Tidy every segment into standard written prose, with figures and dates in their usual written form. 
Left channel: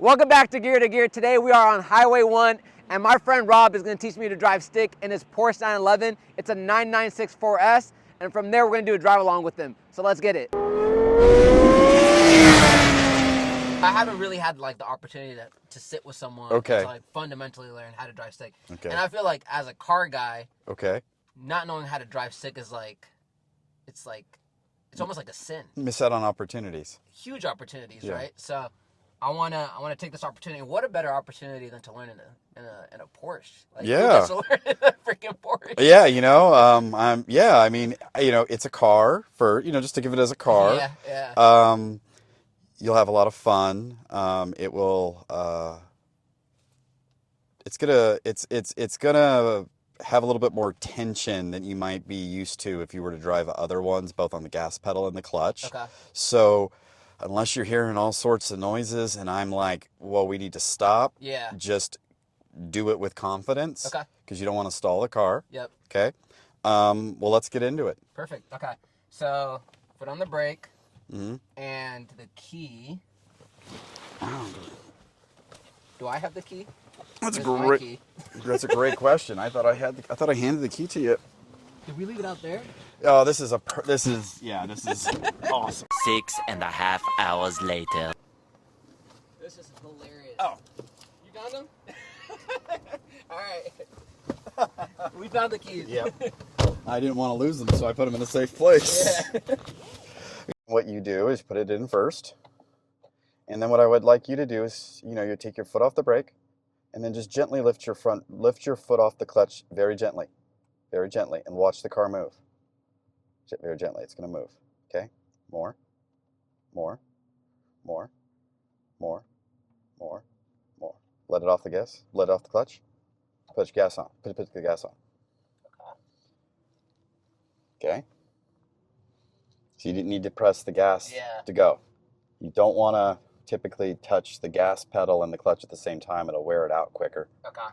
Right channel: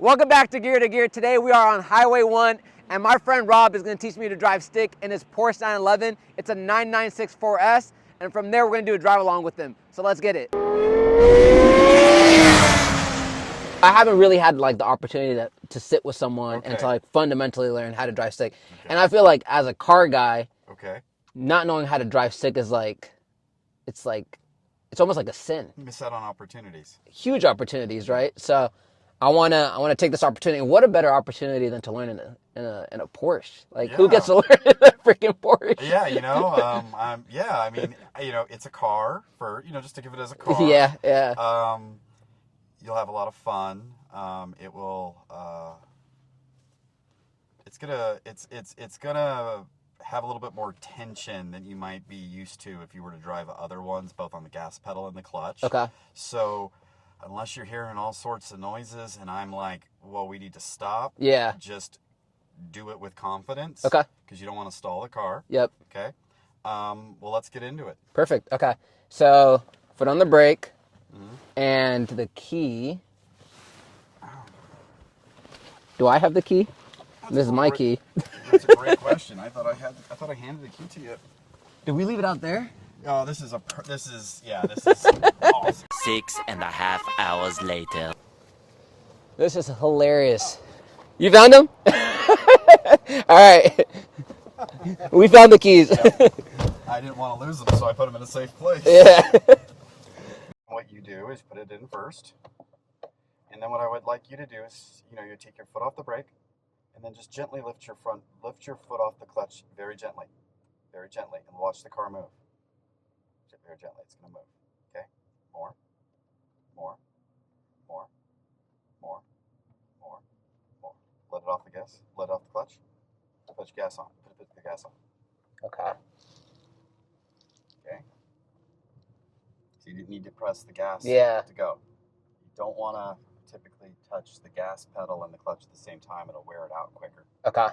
Welcome back to Gear. Today we are on Highway 1 and my friend Rob is going to teach me to drive stick in his Porsche 911. It's a 9964S, and from there we're going to do a drive along with him. So let's get it. I haven't really had like the opportunity to sit with someone and to like fundamentally learn how to drive stick. And I feel like as a car guy, not knowing how to drive stick is it's almost like a sin. Miss out on opportunities. Huge opportunities, right? So I wanna take this opportunity. And what a better opportunity than to learn in a Porsche? Like who gets to learn in a freaking Porsche? Yeah, I mean, it's a car for, just to give it as a car. Yeah. You'll have a lot of fun. It will. It's gonna have a little bit more tension than you might be used to if you were to drive other ones, both on the gas pedal and the clutch. Okay. So, unless you're hearing all sorts of noises, and I'm like, well, we need to stop. Yeah. Just do it with confidence. Okay. Because you don't want to stall the car. Yep. Okay. Well, let's get into it. Perfect. Okay. So foot on the brake, and the key. Do I have the key? This is my key. That's a great question. I thought I handed the key to you. Did we leave it out there? Oh, this is awesome. 6.5 hours later. This is hilarious. Oh. You found them? All right. We found the keys. Yeah. I didn't want to lose them, so I put them in a safe place. Yeah. What you do is put it in first. And then what I would like you to do is, you take your foot off the brake and then just gently lift your foot off the clutch very gently, and watch the car move. Very gently, it's going to move. Okay? More. Let it off the gas. Let it off the clutch. Put your gas on. Put the gas on. Okay? So you didn't need to press the gas to go. You don't want to typically touch the gas pedal and the clutch at the same time. It'll wear it out quicker. Okay.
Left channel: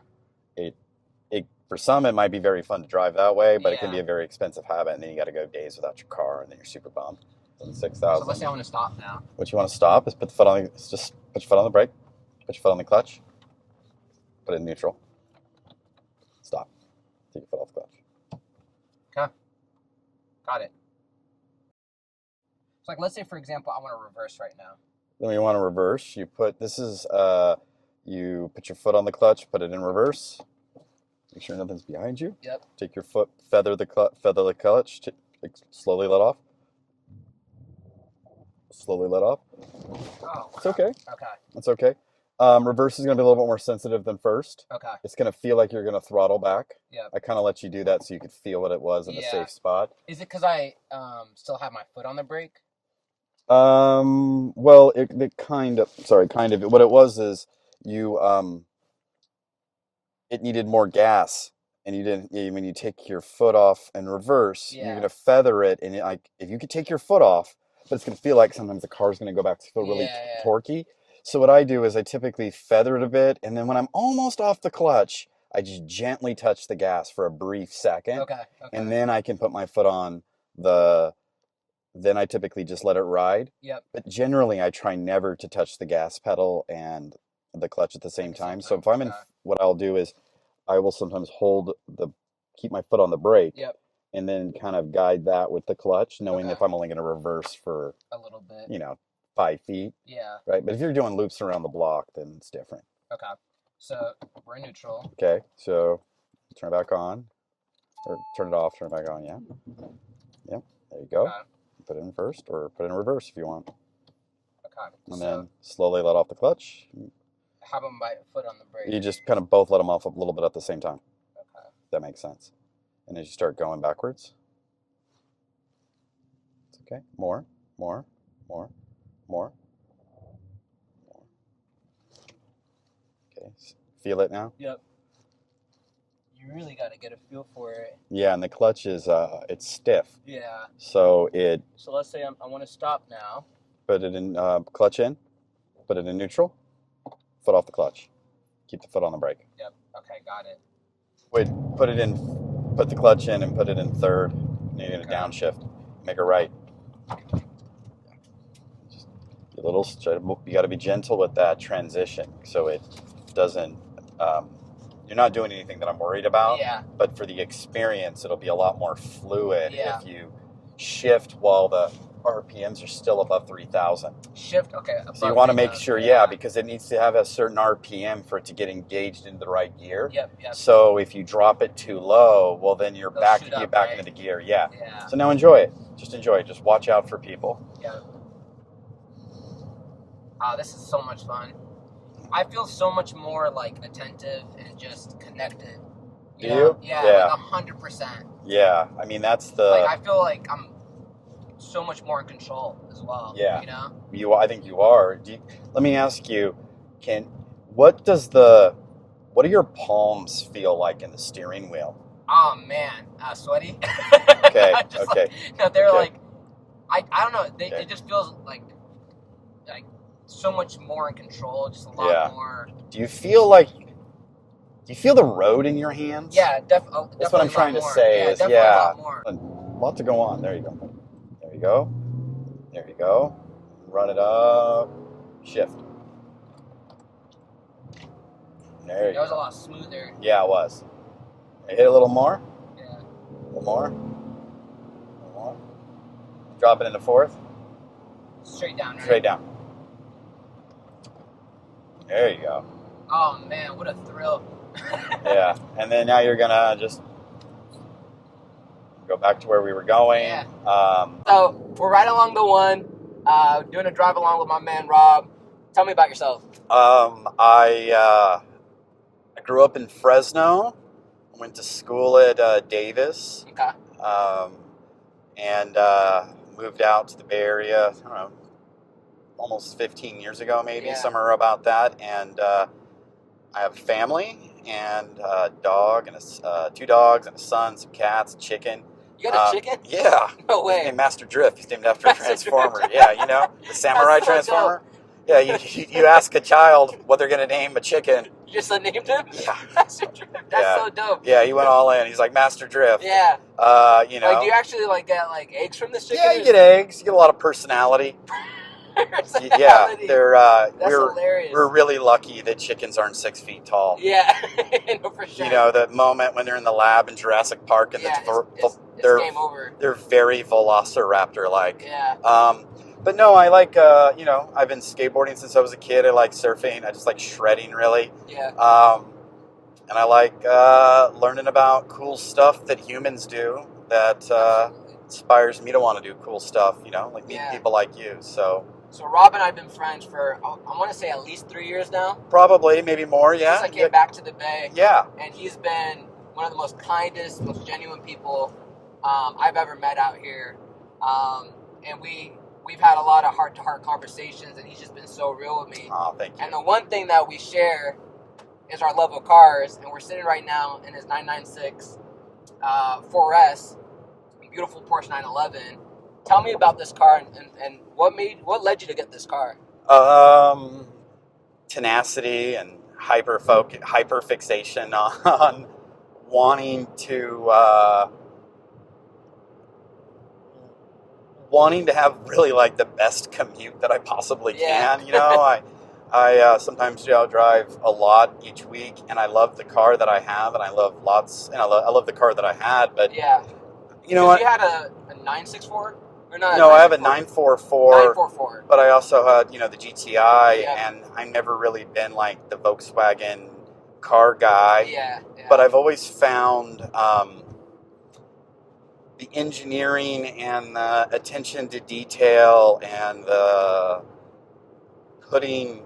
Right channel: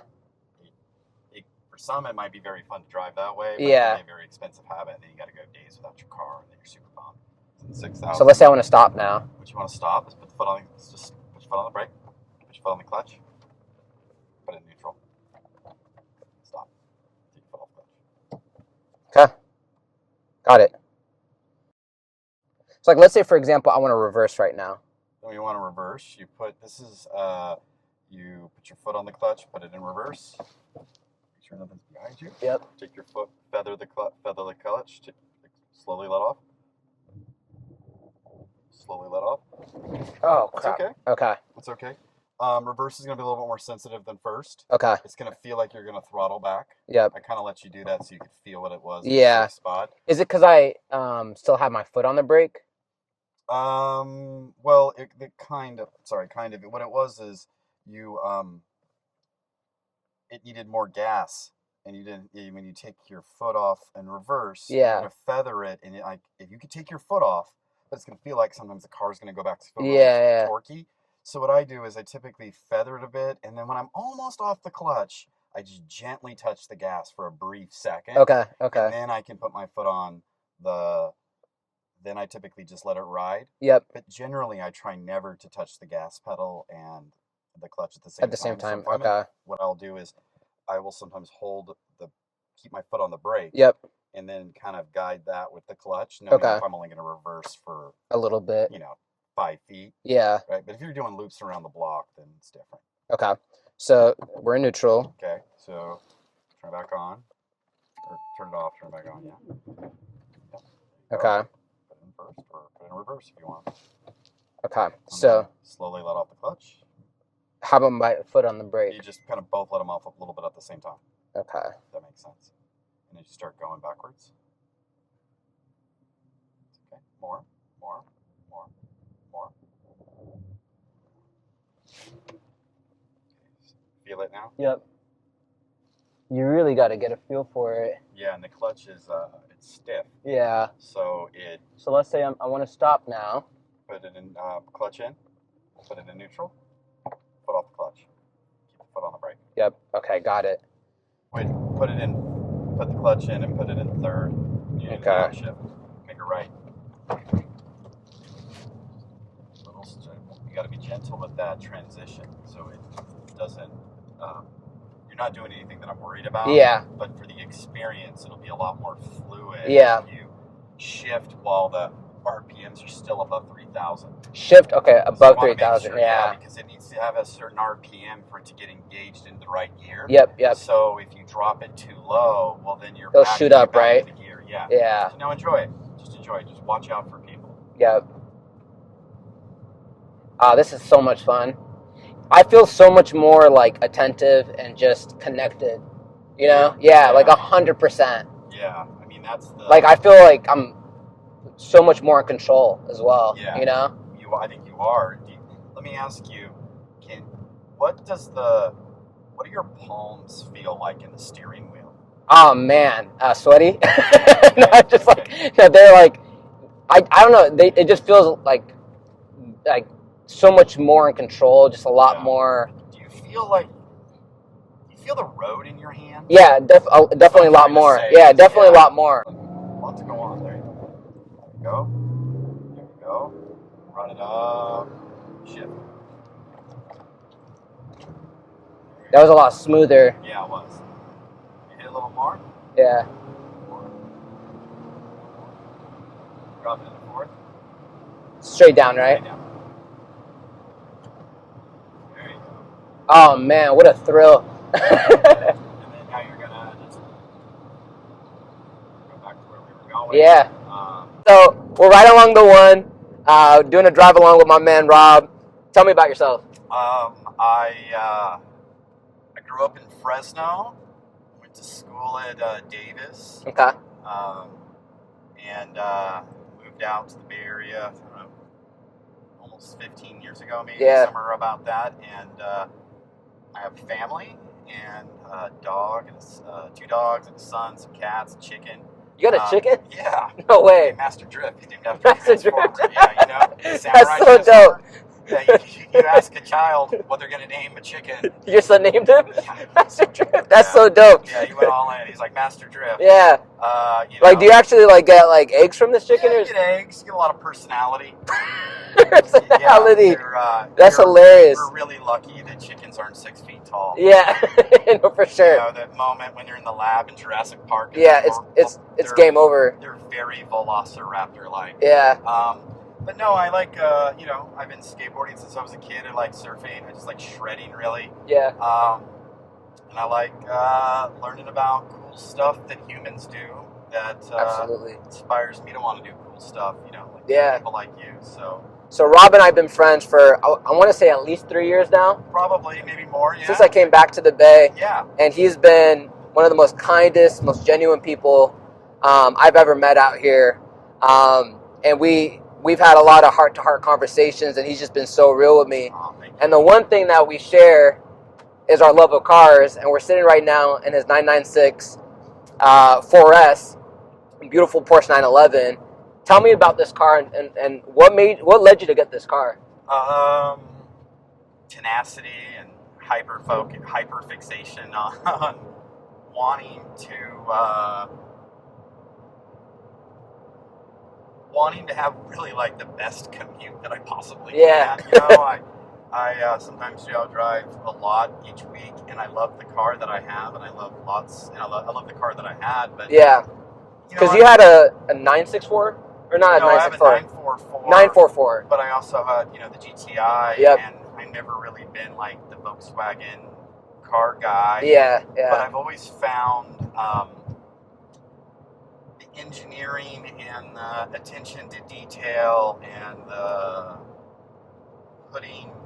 For some, it might be very fun to drive that way, but it can be a very expensive habit, and then you got to go days without your car, and then you're super bummed. 6,000. So let's say I want to stop now. What you want to stop is put your foot on the brake, put your foot on the clutch, put it in neutral, stop, take your foot off the clutch. Okay. Got it. So like, let's say for example, I want to reverse right now. Then you want to reverse. You put your foot on the clutch, put it in reverse. Make sure nothing's behind you. Yep. Take your foot, feather the clutch, slowly let off. Oh, crap. It's okay. Okay. That's okay. Reverse is going to be a little bit more sensitive than first. Okay. It's going to feel like you're going to throttle back. Yep. I kind of let you do that so you could feel what it was in the safe spot. Is it because I still have my foot on the brake? Well, kind of. What it was is it needed more gas, and you didn't. When you take your foot off and reverse, you're going to feather it, and if you could take your foot off, but it's going to feel like sometimes the car's going to go back to feel really torquey. So what I do is I typically feather it a bit, and then when I'm almost off the clutch, I just gently touch the gas for a brief second. Okay. And then I can put my foot on then I typically just let it ride. Yep. But generally, I try never to touch the gas pedal and the clutch at the same time. So if I'm what I'll do is I will sometimes keep my foot on the brake. Yep. And then kind of guide that with the clutch, knowing if I'm only going to reverse for a little bit, 5 feet. Yeah. Right. But if you're doing loops around the block, then it's different. Okay. So we're in neutral. Okay. So turn it back on, or turn it off, turn it back on. Yeah. Yep. There you go. Okay. Put it in first, or put it in reverse if you want. Okay. And so slowly let off the clutch. How about my foot on the brake? You just kind of both let them off a little bit at the same time. Okay. That makes sense. And as you start going backwards, it's okay. More. Okay. Feel it now? Yep. You really got to get a feel for it. Yeah, and the clutch is it's stiff. Yeah. So let's say I want to stop now. Put it in clutch in. Put it in neutral. Foot off the clutch. Keep the foot on the brake. Yep. Okay, got it. Wait, put the clutch in and put it in third. You need a downshift. Make it right. You got to be gentle with that transition, so it doesn't. You're not doing anything that I'm worried about. Yeah. But for the experience, it'll be a lot more fluid. Yeah. If you shift while the RPMs are still above 3,000. Shift, okay, above 3,000. You want to make sure, because it needs to have a certain RPM for it to get engaged into the right gear. Yep. So if you drop it too low, well, then you're It'll back shoot up, back right? into the gear. Yeah. Yeah. So now enjoy it. Just enjoy it. Just watch out for people. Yep. This is so much fun. I feel so much more like attentive and just connected. You know? Yeah, like 100%. Yeah, I mean that's the. Like I feel like I'm so much more in control as well. Yeah. You know? I think you are. Let me ask you, what do your palms feel like in the steering wheel? Oh man, sweaty. Okay. They're like, I don't know. It just feels like so much more in control. Just a lot more. Do you feel the road in your hands? Yeah, definitely a lot more. Yeah, definitely a lot more. A lot to go on. There you go. There you go. There you go. Run it up. Shift. There That was a lot smoother. Yeah, it was. Hit a little more. Yeah. A little more. Drop it into fourth. Straight down, right? Straight down. There you go. Oh man, what a thrill. Yeah, and then now you're gonna just go back to where we were going. Yeah. So we're right along the one, doing a drive along with my man Rob. Tell me about yourself. I grew up in Fresno. Went to school at Davis. Okay. And moved out to the Bay Area. I don't know, almost 15 years ago, maybe somewhere about that. And I have a family and a dog and two dogs and a son, some cats, a chicken. You got a chicken? Yeah. No way. Hey, Master Drift. He's named after a Transformer. Yeah, you know, the Samurai That's so Transformer. Dope. Yeah, you ask a child what they're going to name a chicken. Your son named him? Yeah. Master Drift. That's so dope. Yeah, he went all in. He's like Master Drift. Yeah. You know. Like, do you actually get eggs from this chicken? Yeah, you get eggs. You get a lot of personality. Personality. Yeah, that's hilarious. We're really lucky that chickens aren't 6 feet tall. Yeah, no, for sure. You know, that moment when they're in the lab in Jurassic Park. And it's game over. They're very velociraptor-like. Yeah. But no, I like, I've been skateboarding since I was a kid. I like surfing. I just like shredding, really. Yeah. And I like learning about cool stuff that humans do that inspires me to want to do cool stuff, like people like you. So Rob and I have been friends for, I want to say at least 3 years now. Probably, maybe more, yeah. Since I came back to the Bay. Yeah. And he's been one of the most kindest, most genuine people I've ever met out here. And we've had a lot of heart-to-heart conversations, and he's just been so real with me. Oh, thank you. And the one thing that we share is our love of cars, and we're sitting right now in his 996 4S, beautiful Porsche 911. Tell me about this car and what led you to get this car? Tenacity and hyperfixation on wanting to have really like the best commute that I possibly can. I sometimes drive a lot each week, and I love the car that I have, and I love I love the car that I had, but because you had a 964 or not? No, I have a 944. 944. But I also had the GTI, yep. And I've never really been like the Volkswagen car guy. Yeah. But I've always found the engineering and the attention to detail and the putting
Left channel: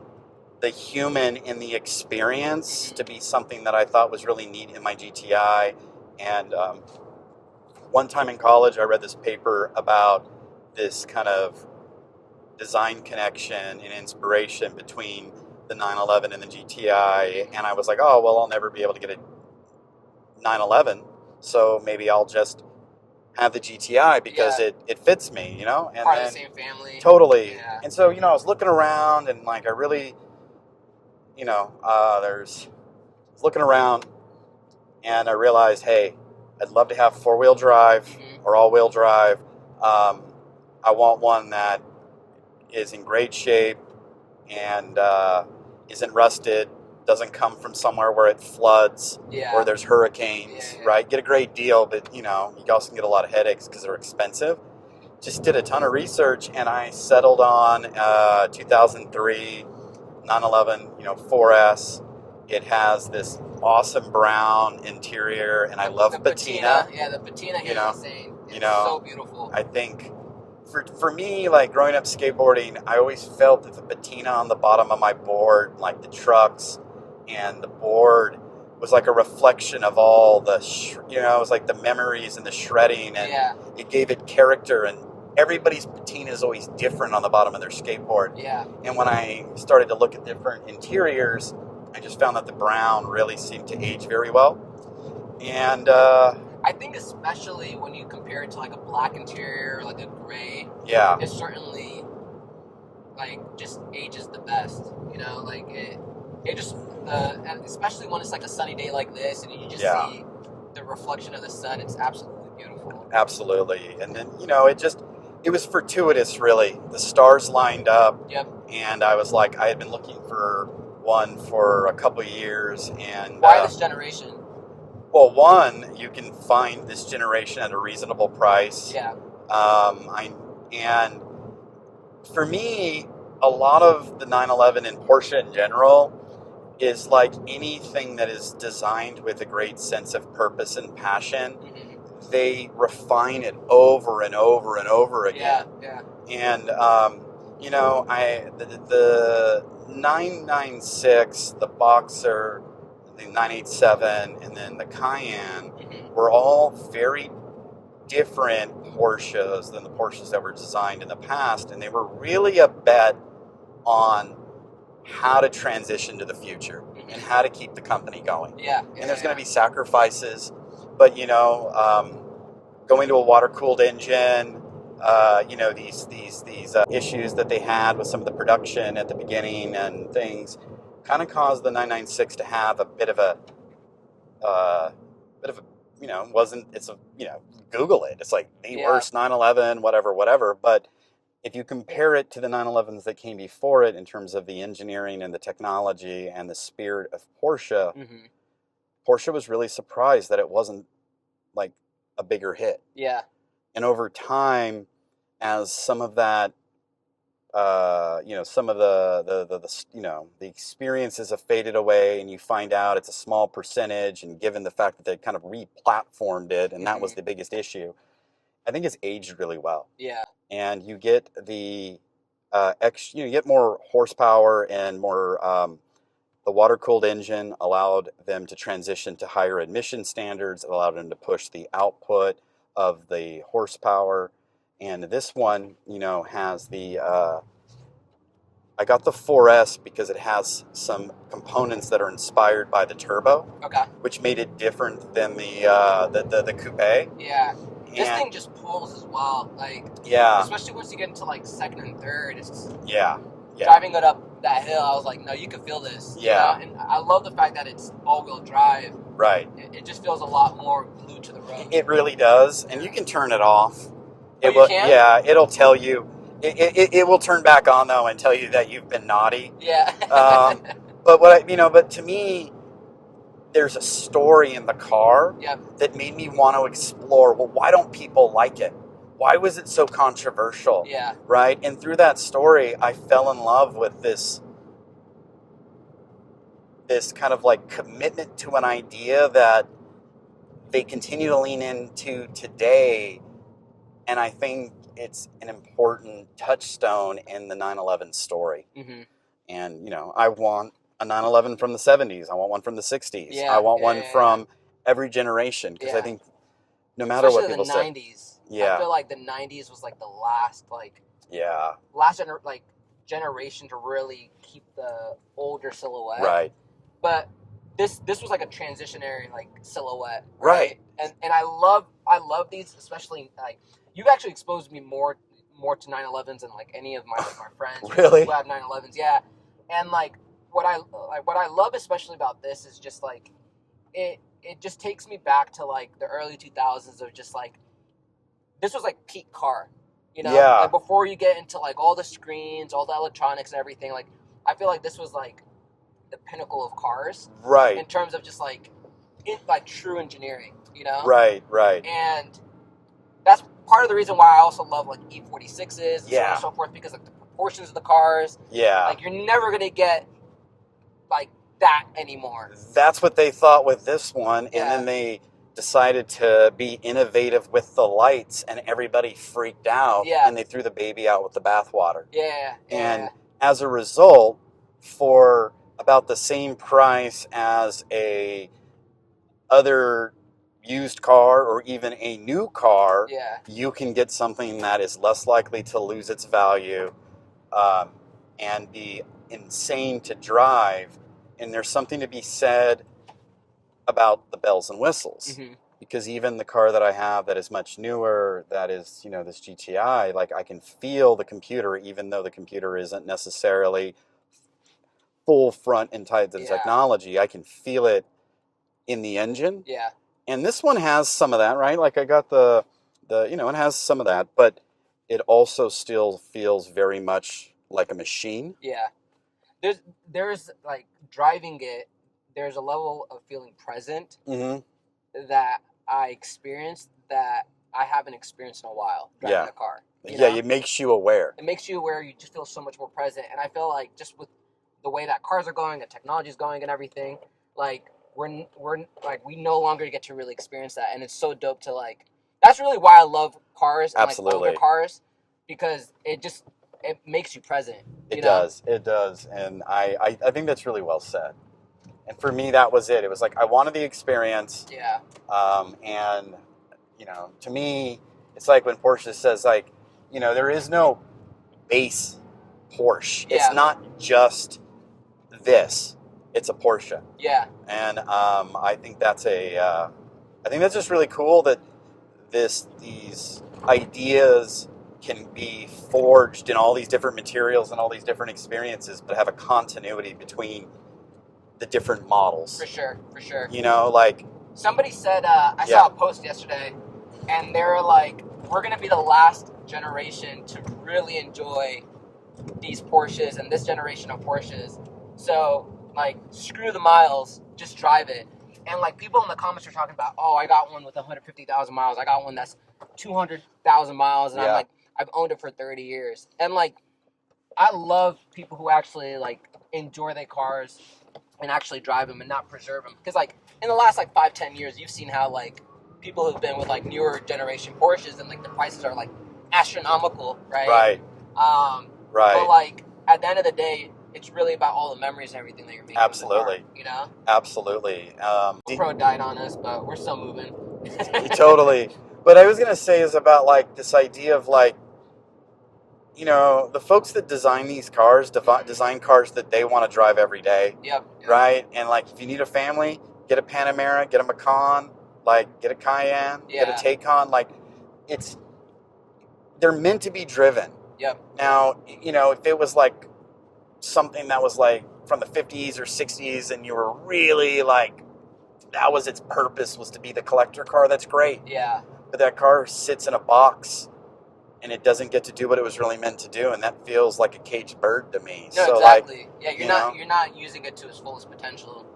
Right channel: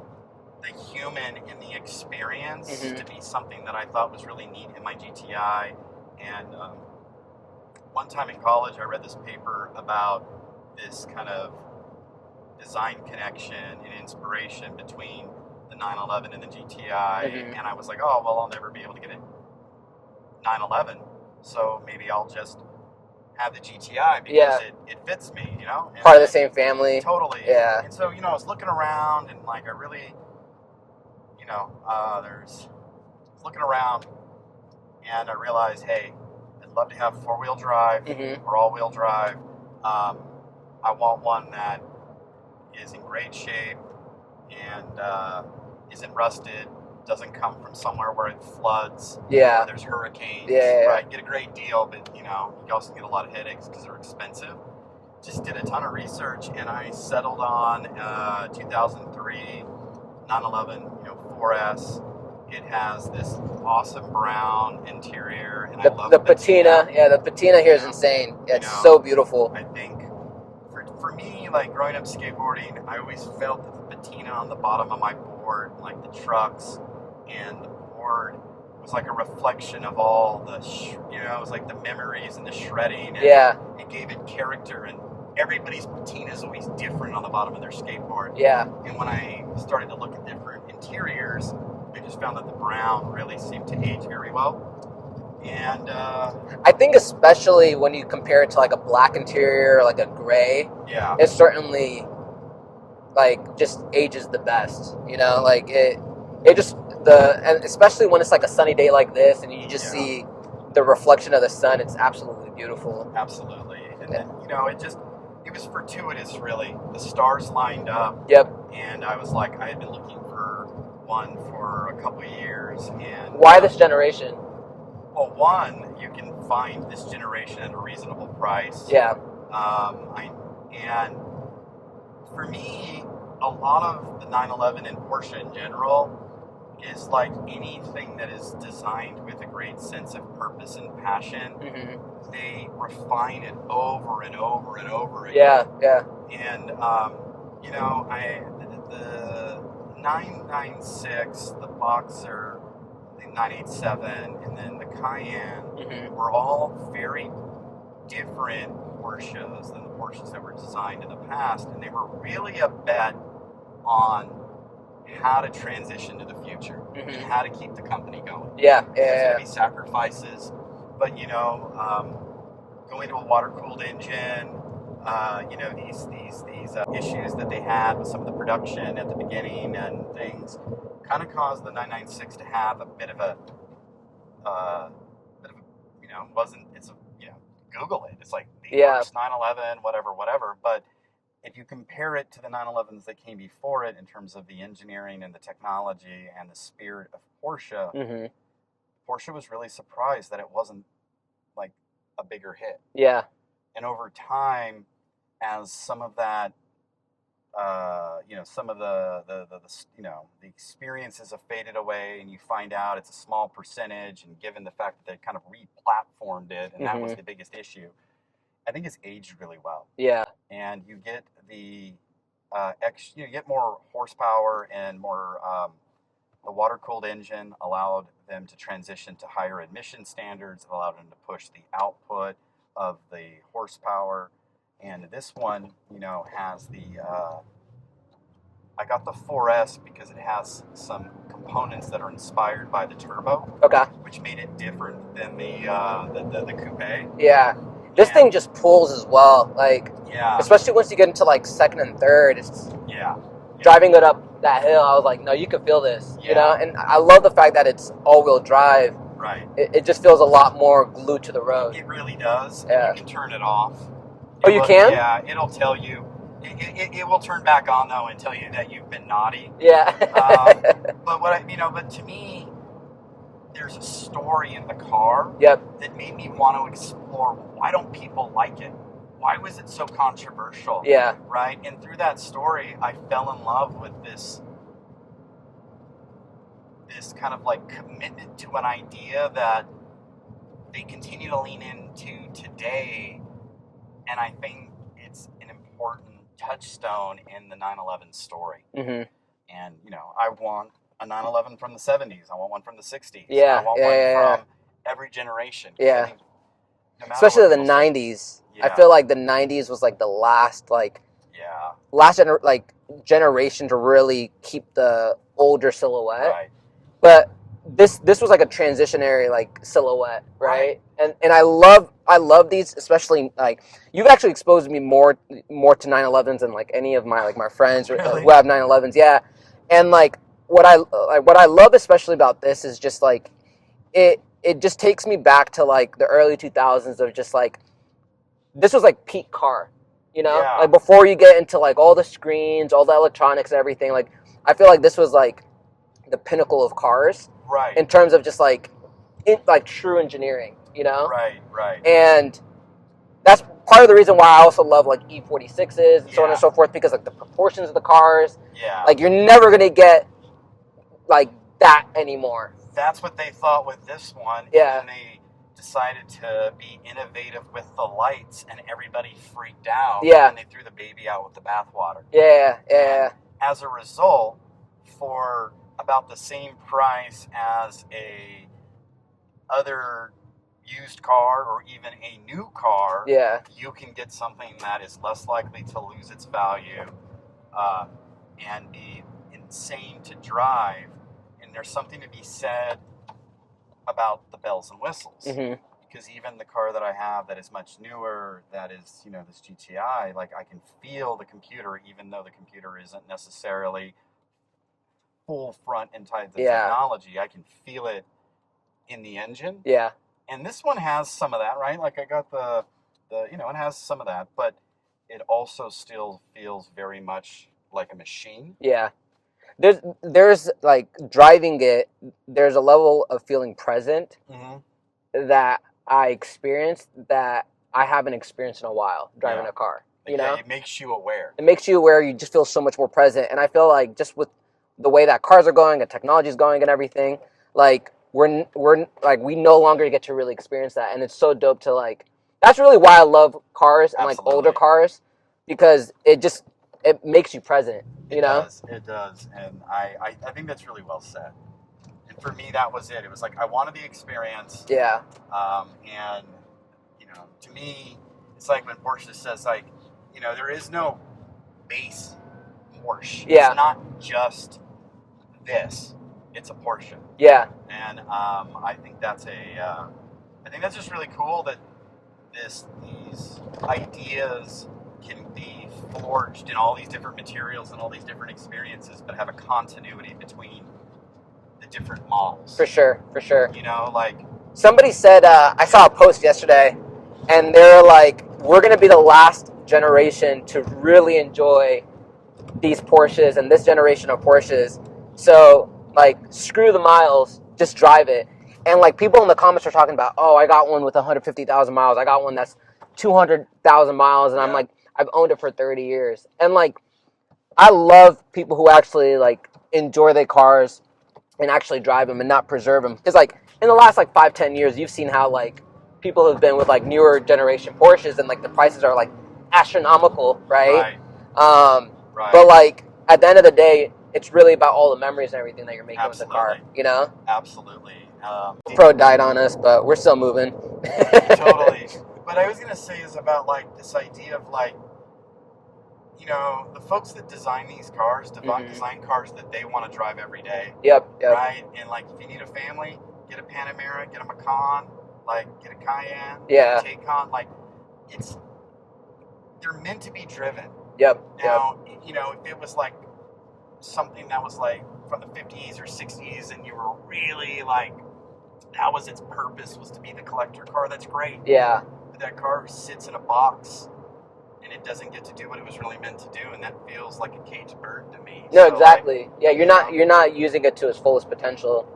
the human in the experience to be something that I thought was really neat in my GTI. And one time in college, I read this paper about this kind of design connection and inspiration between the 911 and the GTI. And I was like, oh, well, I'll never be able to get a 911, so maybe I'll just have the GTI because it fits me, And part of the same family. Totally. Yeah. And so, I was looking around and like I really, looking around and I realized, hey, I'd love to have four-wheel drive or all-wheel drive. I want one that is in great shape and isn't rusted, doesn't come from somewhere where it floods or there's hurricanes, right? Get a great deal, but you also get a lot of headaches because they're expensive. Just did a ton of research, and I settled on 2003 911, 4S. It has this awesome brown interior, and I love the patina. Yeah, the patina here is insane. It's so beautiful. I think for me, like growing up skateboarding, I always felt that the patina on the bottom of my board, like the trucks and the board, was like a reflection of all the, it was like the memories and the shredding, and it gave it character. And everybody's patina is always different on the bottom of their skateboard. Yeah. And when I started to look at different interiors, I just found that the brown really seemed to age very well. And I think especially when you compare it to like a black interior, like a gray, it certainly like just ages the best. Like it just and especially when it's like a sunny day like this, and you just see the reflection of the sun. It's absolutely beautiful. Absolutely. And then it was fortuitous, really. The stars lined up. Yep. And I was like, I had been looking for one for a couple of years. And why this generation? Well, one, you can find this generation at a reasonable price. Yeah. And for me, a lot of the 911 and Porsche in general is like anything that is designed with a great sense of purpose and passion. Mm-hmm. They refine it over and over and over again. Yeah. And the 996, the Boxer, the 987, and then the Cayenne were all very different Porsches than the Porsches that were designed in the past, and they were really a bet on how to transition to the future and how to keep the company going. There's going to be sacrifices, but going to a water-cooled engine, these issues that they had with some of the production at the beginning and things kind of caused the 996 to have a bit of a Google it. It's like the first 911, whatever. But if you compare it to the 911s that came before it in terms of the engineering and the technology and the spirit of Porsche, Porsche was really surprised that it wasn't like a bigger hit. Yeah. And over time, as some of that, some of the experiences have faded away, and you find out it's a small percentage, and given the fact that they kind of re-platformed it, and that was the biggest issue, I think it's aged really well. Yeah. And you get the you get more horsepower and more. The water-cooled engine allowed them to transition to higher emission standards. It allowed them to push the output of the horsepower. And this one, has the. I got the 4S because it has some components that are inspired by the turbo. Okay. Which made it different than the coupe. Yeah. This thing just pulls as well, especially once you get into like second and third. It's driving it up that hill. I was like, no, you can feel this. And I love the fact that it's all-wheel drive. Right. It just feels a lot more glued to the road. It really does, and you can turn it off. You can? Yeah, it'll tell you. It will turn back on though and tell you that you've been naughty. Yeah. But to me, there's a story in the car that made me want to explore, well, why don't people like it? Why was it so controversial? Yeah. Right? And through that story, I fell in love with this kind of like commitment to an idea that they continue to lean into today. And I think it's an important touchstone in the 911 story. Mm-hmm. And, I want a 911 from the 70s. I want one from the 60s. Yeah, I want one from every generation. Yeah. I think no matter especially what the 90s. Yeah. I feel like the 90s was like the last generation to really keep the older silhouette. Right. But this was like a transitionary like silhouette, right? And I love these, especially like you've actually exposed me more to 911s than like any of my friends really? Who have 911s. Yeah. And like what I love especially about this is just like it just takes me back to like the early 2000s of just like this was like peak car. You know, like before you get into like all the screens, all the electronics, and everything. Like I feel like this was like the pinnacle of cars, right? In terms of just like true engineering, you know, right. And that's part of the reason why I also love like E46s, so on and so forth, because like the proportions of the cars, like you're never gonna get like that anymore. That's what they thought with this one, and then they decided to be innovative with the lights, and everybody freaked out, and they threw the baby out with the bathwater. And as a result, for about the same price as a other used car or even a new car, you can get something that is less likely to lose its value and be insane to drive. And there's something to be said about the bells and whistles, because even the car that I have that is much newer, that is, you know, this GTI, like I can feel the computer, even though the computer isn't necessarily full front and type of technology. I can feel it in the engine. And this one has some of that, right? Like I got the you know, it has some of that, but it also still feels very much like a machine. There's like driving it, there's a level of feeling present that I experienced that I haven't experienced in a while driving a car. You know? It makes you aware. It makes you aware. You just feel so much more present. And I feel like just with the way that cars are going and technology is going and everything, like we're like we no longer get to really experience that. And it's so dope to like. That's really why I love cars and like older cars, because it makes you present. It does, and I think that's really well said. And for me, that was it. It was like I wanted the experience. And you know, to me, it's like when Porsche says, like, you know, there is no base Porsche. It's not just this. It's a Porsche. And I think that's just really cool that these ideas can be forged in all these different materials and all these different experiences, but have a continuity between the different models. For sure. You know, like somebody said, I saw a post yesterday, and they're like, we're going to be the last generation to really enjoy these Porsches and this generation of Porsches. So, like, screw the miles, just drive it. And, like, people in the comments are talking about, oh, I got one with 150,000 miles. I got one that's 200,000 miles. And I'm like, I've owned it for 30 years. And, like, I love people who actually, like, enjoy their cars and actually drive them and not preserve them. Because, like, in the last, like, 5-10 years, you've seen how, like, people have been with, like, newer generation Porsches and, like, the prices are, like, astronomical, right? But, like, at the end of the day, it's really about all the memories and everything that you're making with the car, you know? Absolutely. Pro died on us, but we're still moving. Totally. But I was going to say is about, like, this idea of, like, you know, the folks that design these cars, design cars that they want to drive every day. Right? And, like, if you need a family, get a Panamera, get a Macan, like, get a Cayenne, get a Taycan. Like, they're meant to be driven. Now, you know, if it was, like, something that was, like, from the 50s or 60s and you were really, like, that was its purpose, was to be the collector car, that's great. But that car sits in a box and it doesn't get to do what it was really meant to do, and that feels like a caged bird to me. No, so, exactly. Like, you're not using it to its fullest potential.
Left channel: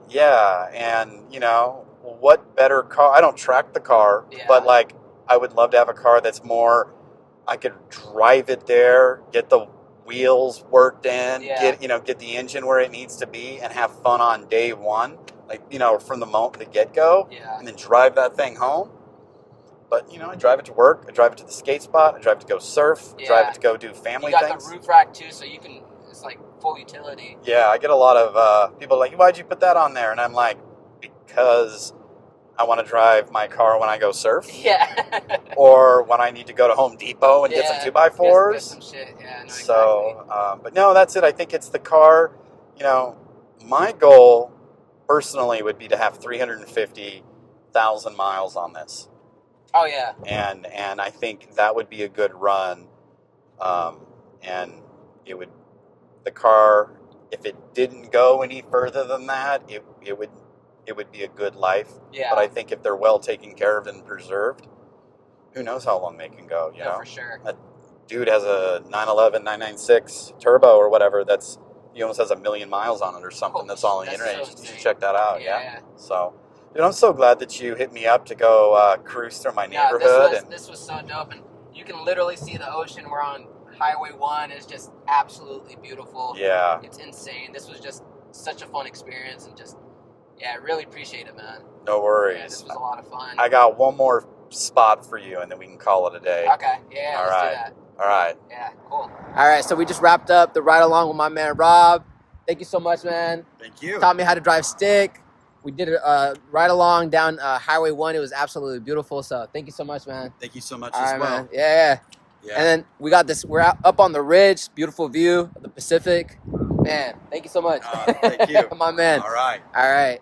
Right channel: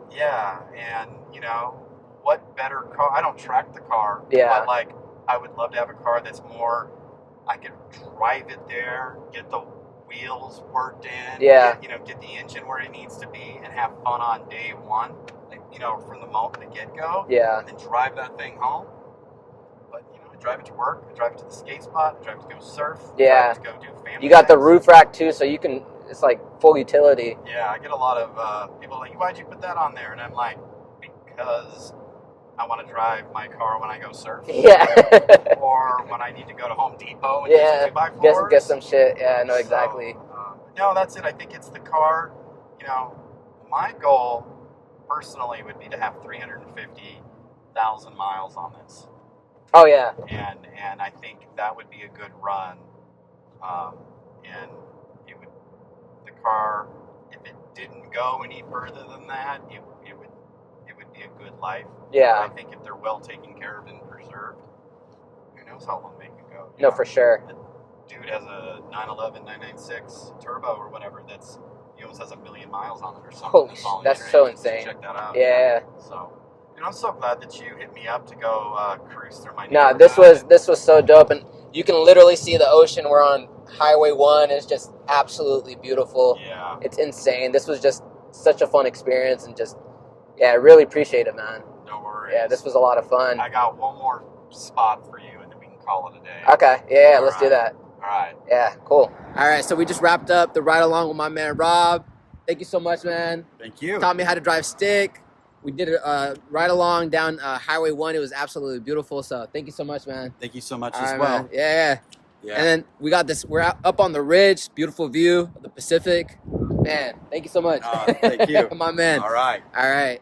And, you know, what better car? I don't track the car, but, like, I would love to have a car that's more, I could drive it there, get the wheels worked in, get the engine where it needs to be, and have fun on day one, like, you know, from the get-go, and then drive that thing home. But, you know, I drive it to work, I drive it to the skate spot, I drive it to go surf, I drive it to go do family You got things. the roof rack, too, so you can, it's like full utility. I get a lot of people like, why'd you put that on there? And I'm like, because I want to drive my car when I go surf. Or when I need to go to Home Depot and get some 2x4s. Get some shit. Yeah, I know exactly. But no, that's it. I think it's the car. You know, my goal personally would be to have 350,000 miles on this. Oh, yeah. And I think that would be a good run. And the car, if it didn't go any further than that, it would be a good life. But I think if they're well taken care of and preserved, who knows how long they can go. You know? For sure. dude has a 911, 996 turbo or whatever. He almost has 1 million miles on it or something. That's all on the internet. So you insane. Should check that out. Yeah. So, dude, I'm so glad that you hit me up to go cruise through my neighborhood. No, this was so dope, and you can literally see the ocean. We're on Highway 1, and it's just absolutely beautiful. Yeah. It's insane. This was just such a fun experience, and I really appreciate it, man. No worries. Yeah, this was a lot of fun. I got one more spot for you, and then we can call it a day. Okay, yeah, let's do that. All right. Yeah, cool. All right, so we just wrapped up the ride along with my man Rob. Thank you so much, man. Thank you. Taught me how to drive stick. We did a ride along down Highway 1. It was absolutely beautiful. So thank you so much, man. Thank you so much All as right, well. Man. Yeah. And then we got this. We're up on the ridge. Beautiful view of the Pacific. Man, thank you so much. Thank you. My man. All right. All right.